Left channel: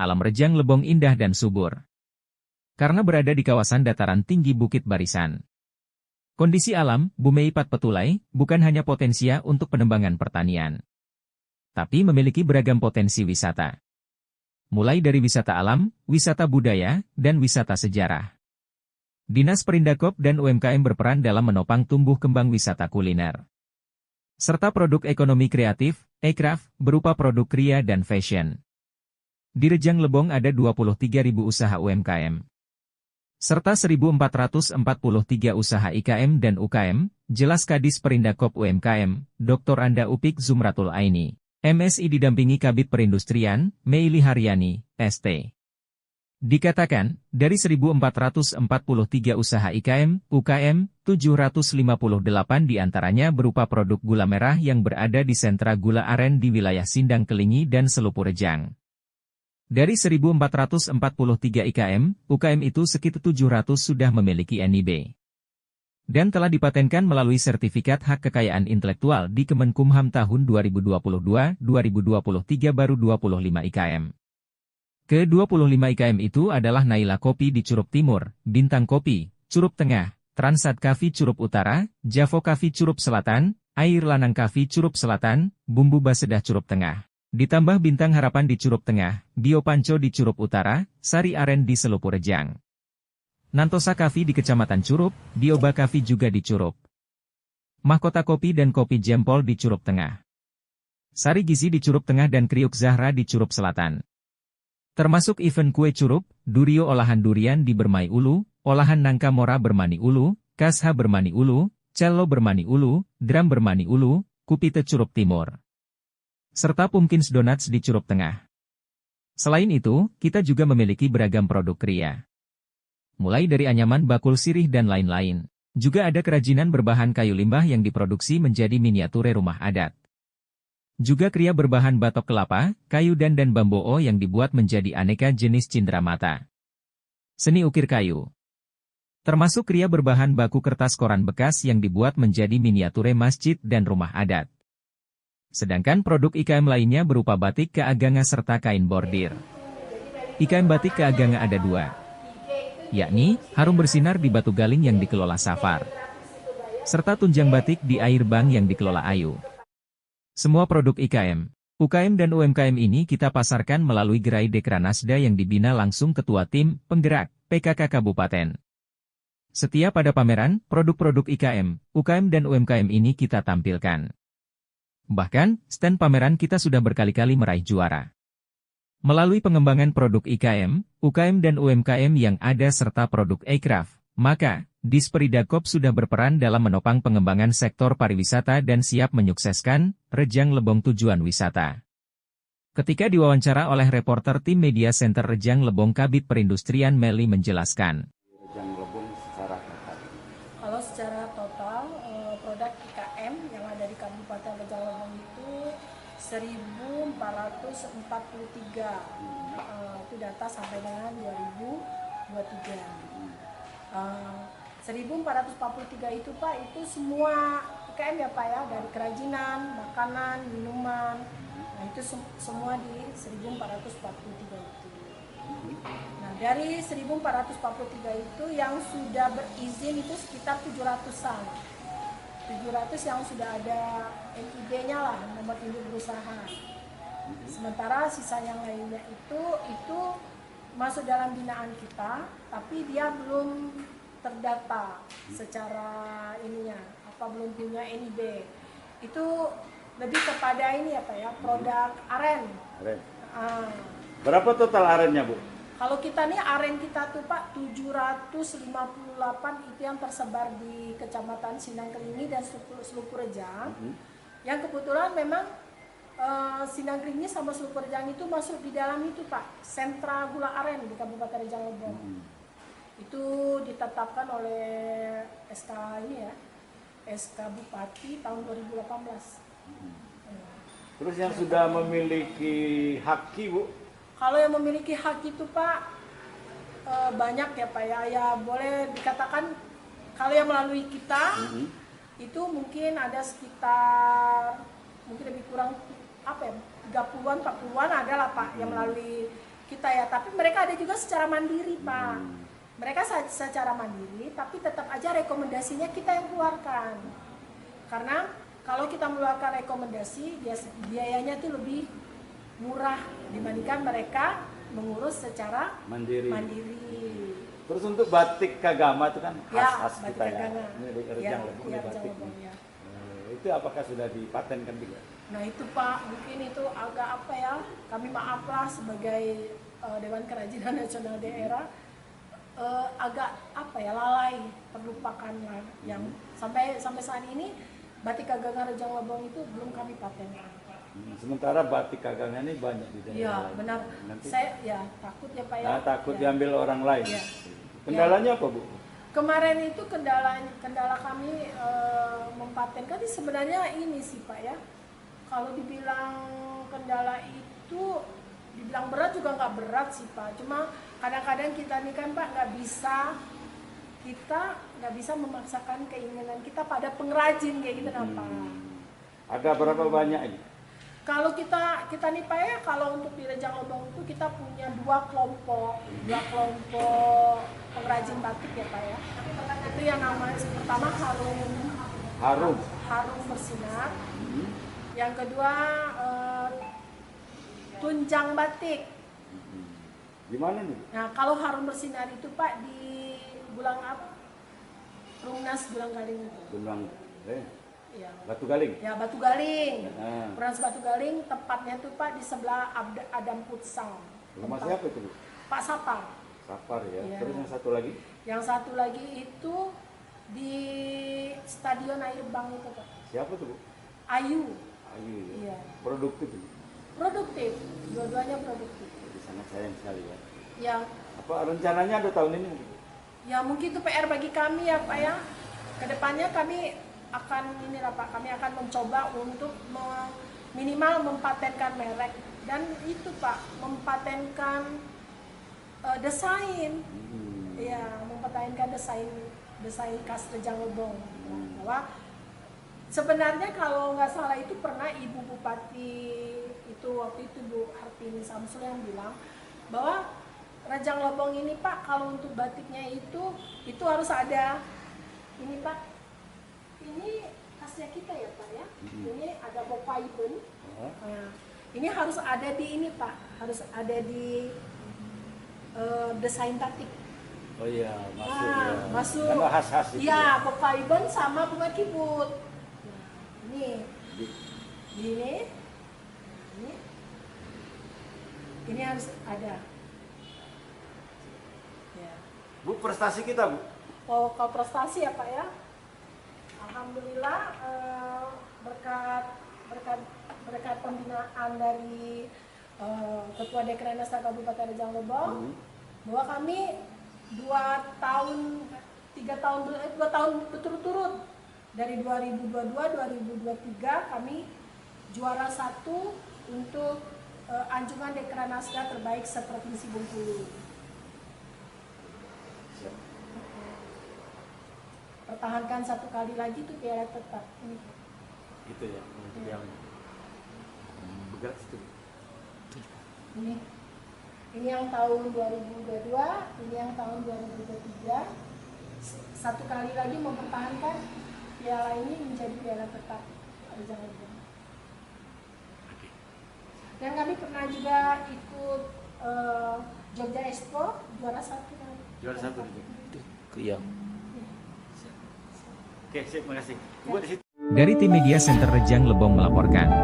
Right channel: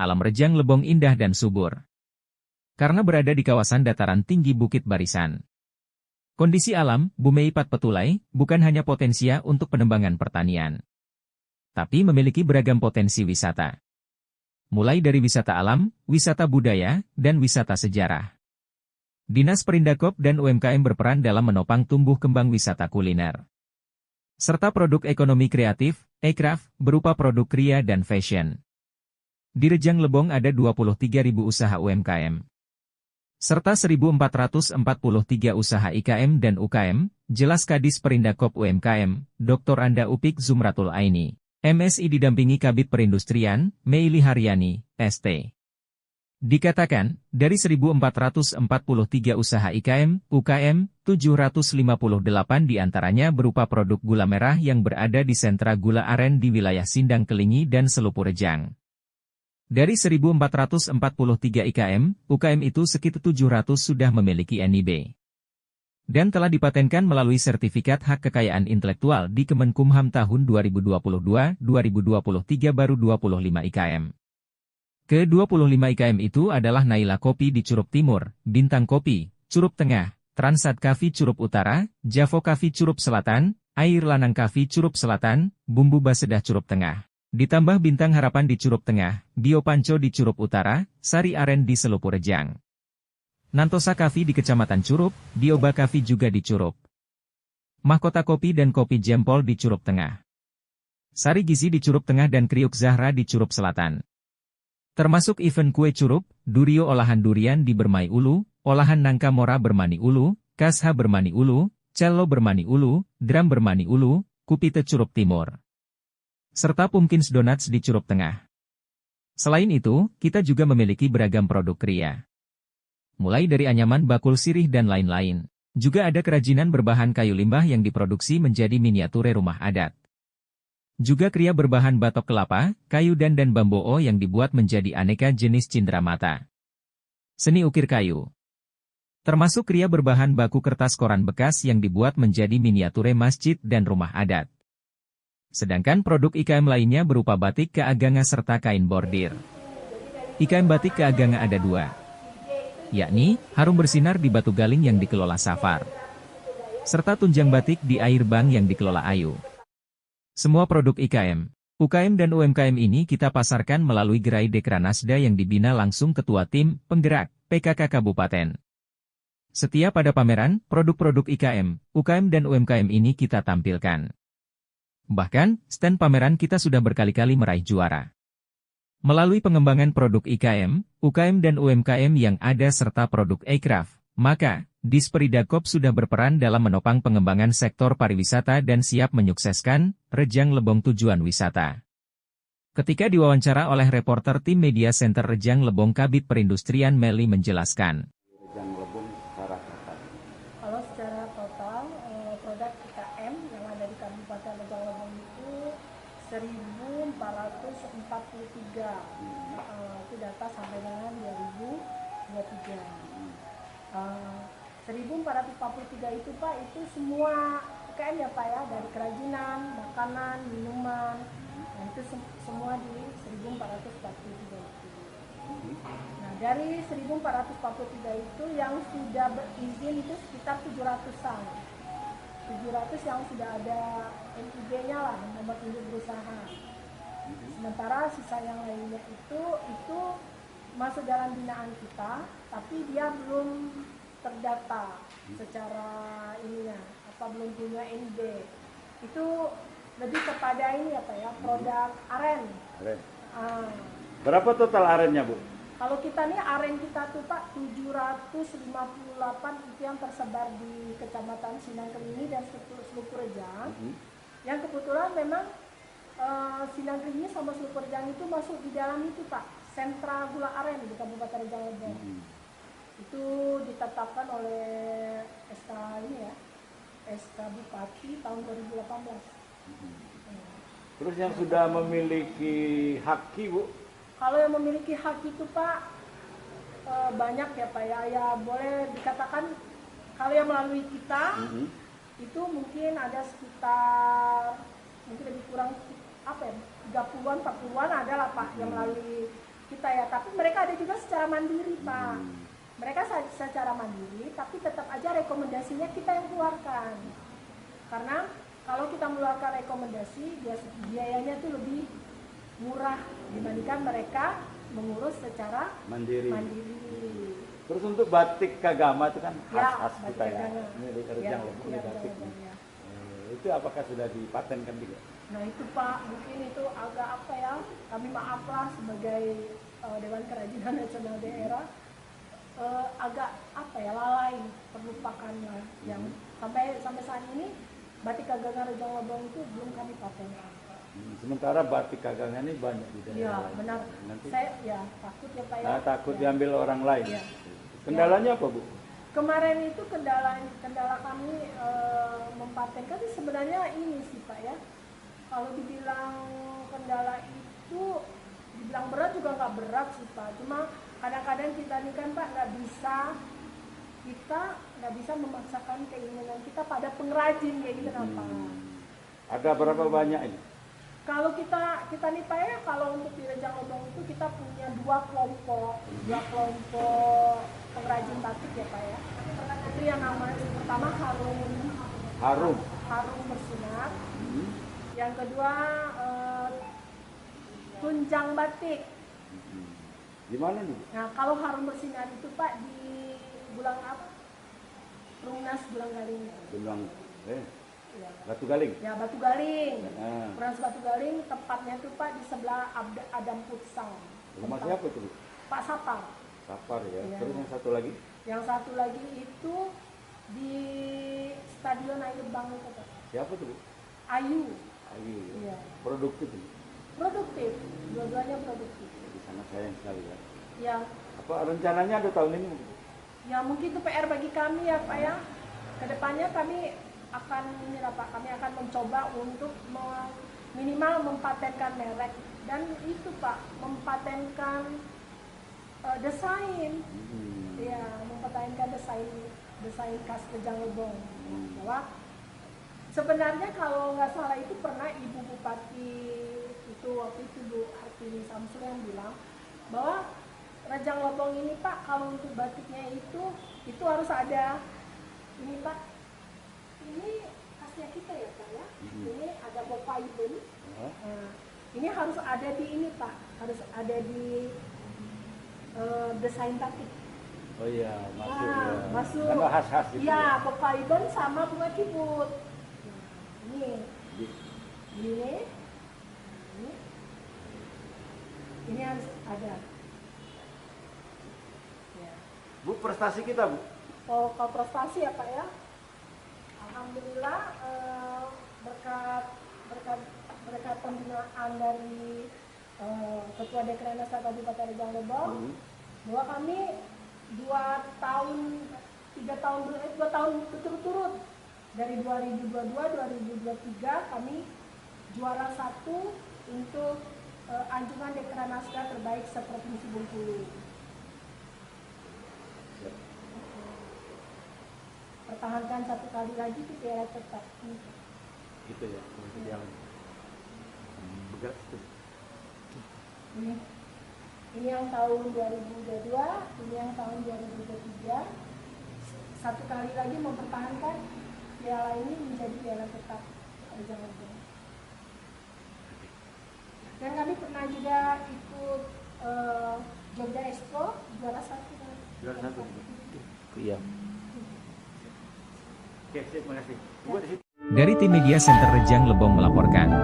alam Rejang Lebong indah dan subur. Karena berada di kawasan dataran tinggi Bukit Barisan. Kondisi alam, Bumeipat Petulai, bukan hanya potensia untuk pengembangan pertanian. Tapi memiliki beragam potensi wisata. Mulai dari wisata alam, wisata budaya, dan wisata sejarah. Dinas Perindakop dan UMKM berperan dalam menopang tumbuh kembang wisata kuliner. Serta produk ekonomi kreatif, e-craft, berupa produk kria dan fashion. Di Rejang Lebong ada 23.000 usaha UMKM. Serta 1.443 usaha IKM dan UKM, jelas Kadis Perindakop UMKM, Dr. Anda Upik Zumratul Aini, MSI didampingi Kabid Perindustrian, Meili Haryani, ST. Dikatakan, dari 1.443 usaha IKM, UKM, 758 diantaranya berupa produk gula merah yang berada di sentra gula aren di wilayah Sindang Kelingi dan Selupu Rejang. Dari 1.443 IKM, UKM itu sekitar 700 sudah memiliki NIB. Dan telah dipatenkan melalui sertifikat hak kekayaan intelektual di Kemenkumham tahun 2022-2023 baru 25 IKM. Ke-25 IKM itu adalah Naila Kopi di Curup Timur, Bintang Kopi, Curup Tengah, Transat Coffee Curup Utara, Javo Coffee Curup Selatan, Air Lanang Coffee Curup Selatan, Bumbu Basedah Curup Tengah. Ditambah Bintang Harapan di Curup Tengah, Bio Panco di Curup Utara, Sari Aren di Selupu Rejang. Nantosa Coffee di Kecamatan Curup, Dioba Coffee juga di Curup. Mahkota Kopi dan Kopi Jempol di Curup Tengah. Sari Gizi di Curup Tengah dan Kriuk Zahra di Curup Selatan. Termasuk event kue curup, Durio olahan durian di Bermai Ulu, olahan nangka mora Bermani Ulu, Kasha Bermani Ulu, Cello Bermani Ulu, Dram Bermani Ulu, Kupite Curup Timur. Serta Pumpkins Donuts di Curup Tengah. Selain itu, kita juga memiliki beragam produk kria. Mulai dari anyaman bakul sirih dan lain-lain. Juga ada kerajinan berbahan kayu limbah yang diproduksi menjadi miniature rumah adat. Juga kria berbahan batok kelapa, kayu dan bamboo yang dibuat menjadi aneka jenis cindera mata. Seni ukir kayu. Termasuk kria berbahan baku kertas koran bekas yang dibuat menjadi miniature masjid dan rumah adat. Sedangkan produk IKM lainnya berupa batik keaganga serta kain bordir. IKM batik keaganga ada dua, yakni Harum Bersinar di Batu Galing yang dikelola Safar, serta Tunjang Batik di Air Bang yang dikelola Ayu. Semua produk IKM, UKM dan UMKM ini kita pasarkan melalui gerai Dekranasda yang dibina langsung Ketua Tim Penggerak PKK Kabupaten. Setiap pada pameran, produk-produk IKM, UKM dan UMKM ini kita tampilkan. Bahkan, stand pameran kita sudah berkali-kali meraih juara. Melalui pengembangan produk IKM, UKM dan UMKM yang ada serta produk e-craft, maka, Disperidakop sudah berperan dalam menopang pengembangan sektor pariwisata dan siap menyukseskan Rejang Lebong tujuan wisata. Ketika diwawancara oleh reporter tim Media Center Rejang Lebong Kabid Perindustrian Meli menjelaskan. Rejang Lebong secara total. Kalau secara total, produk IKM yang ada di Kabupaten Rejang Lebong itu 1.443. Itu data sampai dengan 2023. 1.443 itu Pak, itu semua IKM ya Pak ya, dari kerajinan, makanan, minuman. Nah itu semua di 1.443 itu. Nah dari 1.443 itu yang sudah berizin itu sekitar 700-an. 700 yang sudah ada NIB-nya lah, nomor induk berusaha. Sementara sisa yang lainnya itu masuk dalam binaan kita, tapi dia belum terdata secara ininya, belum punya NIB. Itu lebih kepada ini ya Pak ya, produk aren. Berapa total arennya Bu? Kalau kita nih aren kita tuh Pak 758 itu yang tersebar di Kecamatan Sindang Kelingi dan Selupu Rejang. Yang kebetulan memang Sindang Kelingi sama Selupu Rejang itu masuk di dalam itu Pak, sentra gula aren di Kabupaten Rejang Lebong. Itu ditetapkan oleh SK ini ya, SK Bupati tahun 2018. Terus yang sudah memiliki haki Bu? Kalau yang memiliki hak itu Pak banyak ya Pak ya, ya boleh dikatakan kalau yang melalui kita itu mungkin ada sekitar mungkin lebih kurang 30-an 40-an ada lah Pak yang melalui kita ya, tapi mereka ada juga secara mandiri Pak. Mereka secara mandiri, tapi tetap aja rekomendasinya kita yang keluarkan. Karena kalau kita mengeluarkan rekomendasi, biayanya itu lebih murah dibandingkan mereka mengurus secara mandiri. Terus untuk batik Kagama itu kan Ya, khas batik kita ya. Kagama. Ini dari Rejang Lebong Ya, batik. Lebong, ya. Itu apakah sudah dipatenkan juga? Nah itu Pak, mungkin itu agak apa ya, kami maaflah sebagai Dewan Kerajinan Nasional Daerah, agak apa ya, lalai, terlupakan lah. Yang sampai saat ini batik Kagama Rejang Lebong itu belum kami patenkan. Sementara batik Kagama ini banyak di daerah. Iya lain. benar. Nanti Saya ya takut ya Pak ya. takut Ya. diambil orang lain. Ya. Kendalanya apa Bu? Kemarin itu kendala kami mempatenkan sih sebenarnya ini sih Pak ya. Kalau dibilang kendala itu dibilang berat juga nggak berat sih Pak. Cuma kadang-kadang kita nih kan Pak kita nggak bisa memaksakan keinginan kita pada pengrajin kayak gitu kan Pak. Ada berapa banyak ini? Kalau kita nih Pak ya, kalau untuk di Rejang Lebong itu kita punya dua kelompok pengrajin batik ya Pak ya. Itu yang namanya pertama Harum Bersinar. Yang kedua Tunjang Batik. Di mana nih? Nah kalau Harum Bersinar itu Pak di Bulang apa? Perumnas Bulang Galing itu. Ya. Batu Galing. Ya Batu Galing. Nah. Batu Galing tempatnya tuh Pak di sebelah Adam Futsal. Rumah siapa itu Bu? Pak Sapar. Sapar ya. Iya. Terus yang satu lagi? Yang satu lagi itu di Stadion Air Bank itu Pak. Siapa tuh Bu? Ayu. Ayu ya. Iya. Produktif ini. Produktif. Dua-duanya produktif. Jadi sangat sayang sekali ya. Ya, Apa rencananya ada tahun ini mungkin? ya mungkin itu PR bagi kami ya Pak ya. Kedepannya kami akan kami akan mencoba untuk minimal mempatenkan merek dan itu Pak mempatenkan desain. Ya, mempatenkan desain khas Rejang Lebong. Bahwa sebenarnya kalau nggak salah itu pernah Ibu Bupati itu waktu itu Bu Hartini Samsul yang bilang bahwa Rejang Lebong ini Pak kalau untuk batiknya itu harus ada ini Pak, ini khasnya kita ya Pak ya, ini ada Bopaiben. Nah, ini harus ada di ini Pak, harus ada di desain batik. Oh iya, masuk Nah, ya. masuk. Karena khas-khas itu. Iya, Bopaiben sama bunga kibut. Nah, ini harus ada. Ya. Bu, prestasi kita Bu. Oh, kalau prestasi ya Pak ya, alhamdulillah berkat pembinaan dari Ketua Dekrenas Kabupaten Rejang Lebong, bahwa kami 2 tahun berturut-turut dari 2022-2023 kami juara 1 untuk anjungan Dekranasda terbaik seprovinsi Bengkulu. Pertahankan 1 kali lagi itu piala tetap. Gitu ya. Bergerak itu. Ini yang tahun 2022, ini yang tahun 2023. 1 kali lagi mempertahankan piala ini menjadi piala tetap Rejang Lebong. Dan kami pernah juga ikut Jogja Expo juara 1. Juara 1. Iya. Oke, sip, makasih. Bu, di situ. Dari tim Media Center Rejang Lebong melaporkan.